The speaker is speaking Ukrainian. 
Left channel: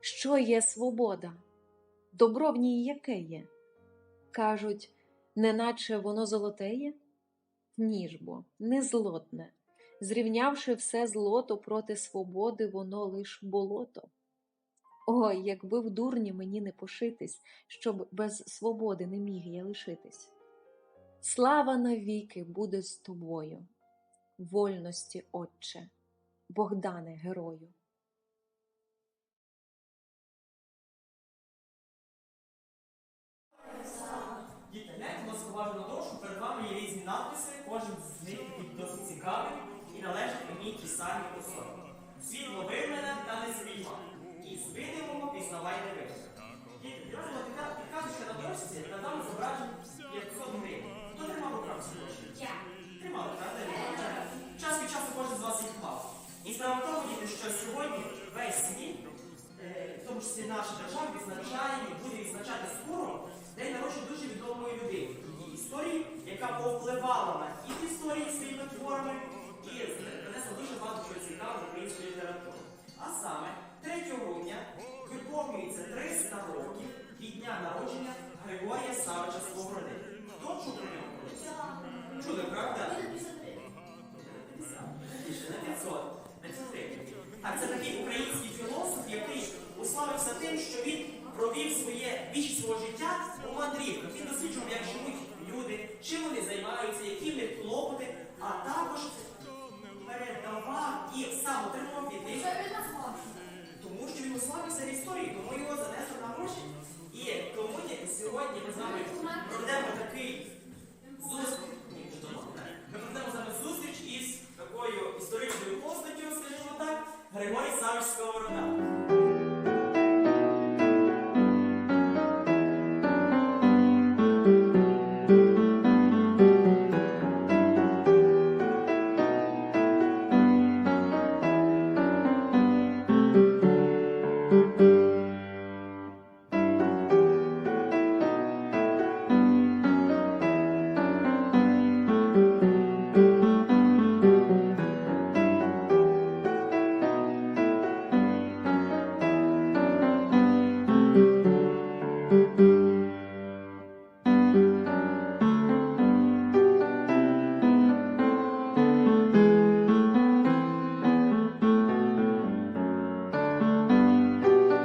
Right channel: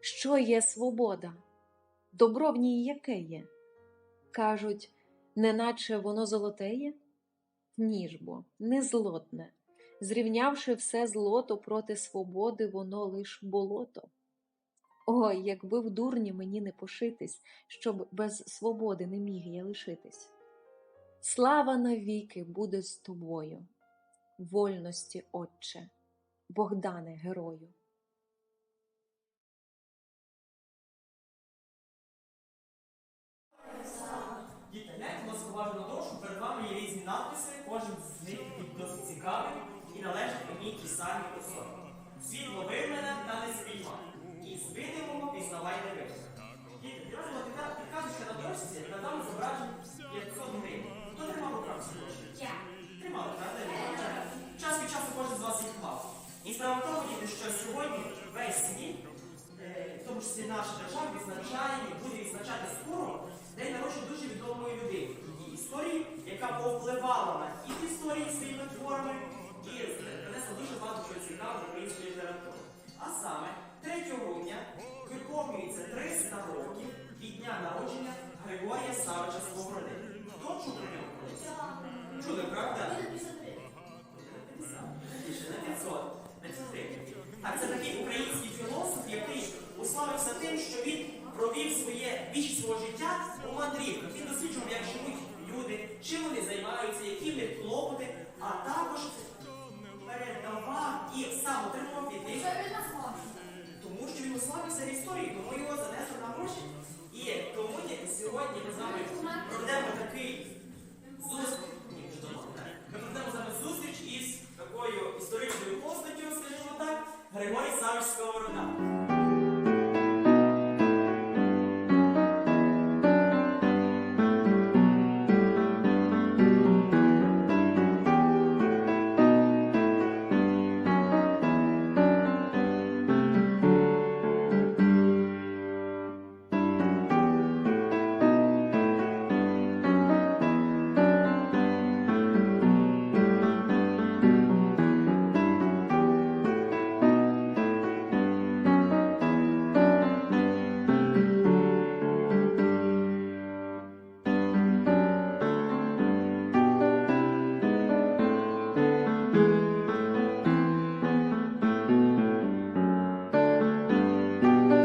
Що є свобода? Добро в ній яке є? Кажуть, неначе воно золотеє? Ні ж бо, не злотне. Зрівнявши все злото проти свободи, воно лиш болото. Ой, якби в дурні мені не пошитись, щоб без свободи не міг я лишитись. Слава навіки буде з тобою, вольності, Отче, Богдане герою. Гляньте, уважно на те, що перед вами є різні надписи, кожен з них досить цікавий і належить одній тій самій особі. Світло виявлене та не спійма. І видимого пізнавай не видно. Діти, підрозділа підказочка на дошці на даному зображенні 500 гривень. Хто тримав у правці гроші? Я. Тримали, правда? Час від часу кожен з вас їх клав. І справа в тому, діти, що сьогодні весь світ, е, в тому числі наша держава, відзначає і буде відзначати скоро день народження дуже відомої людини. Її історії, яка повпливала на хід історії своїми творами і принесла дуже багато чого цікавого української літератури. А саме 3 грудня виповнюється 300 років від дня народження Григорія Савича Сковороди. Хто чув про нього? Чули, правда? На 500. На 500 гривень. Так, це такий український філософ, який уславився тим, що він провів своє більшість свого життя у мандрівках. Він досліджував, як живуть люди, чим вони займаються, які в них клопоти, а також передавав і сам отримав від них. Тому що він уславився в історії, тому його занесли на гроші. І тому сьогодні ми з вами проведемо такий зустріч. Ми проведемо з вами зустріч із такою історичною постаттю, скажімо так, Григорій Савич Сковорода.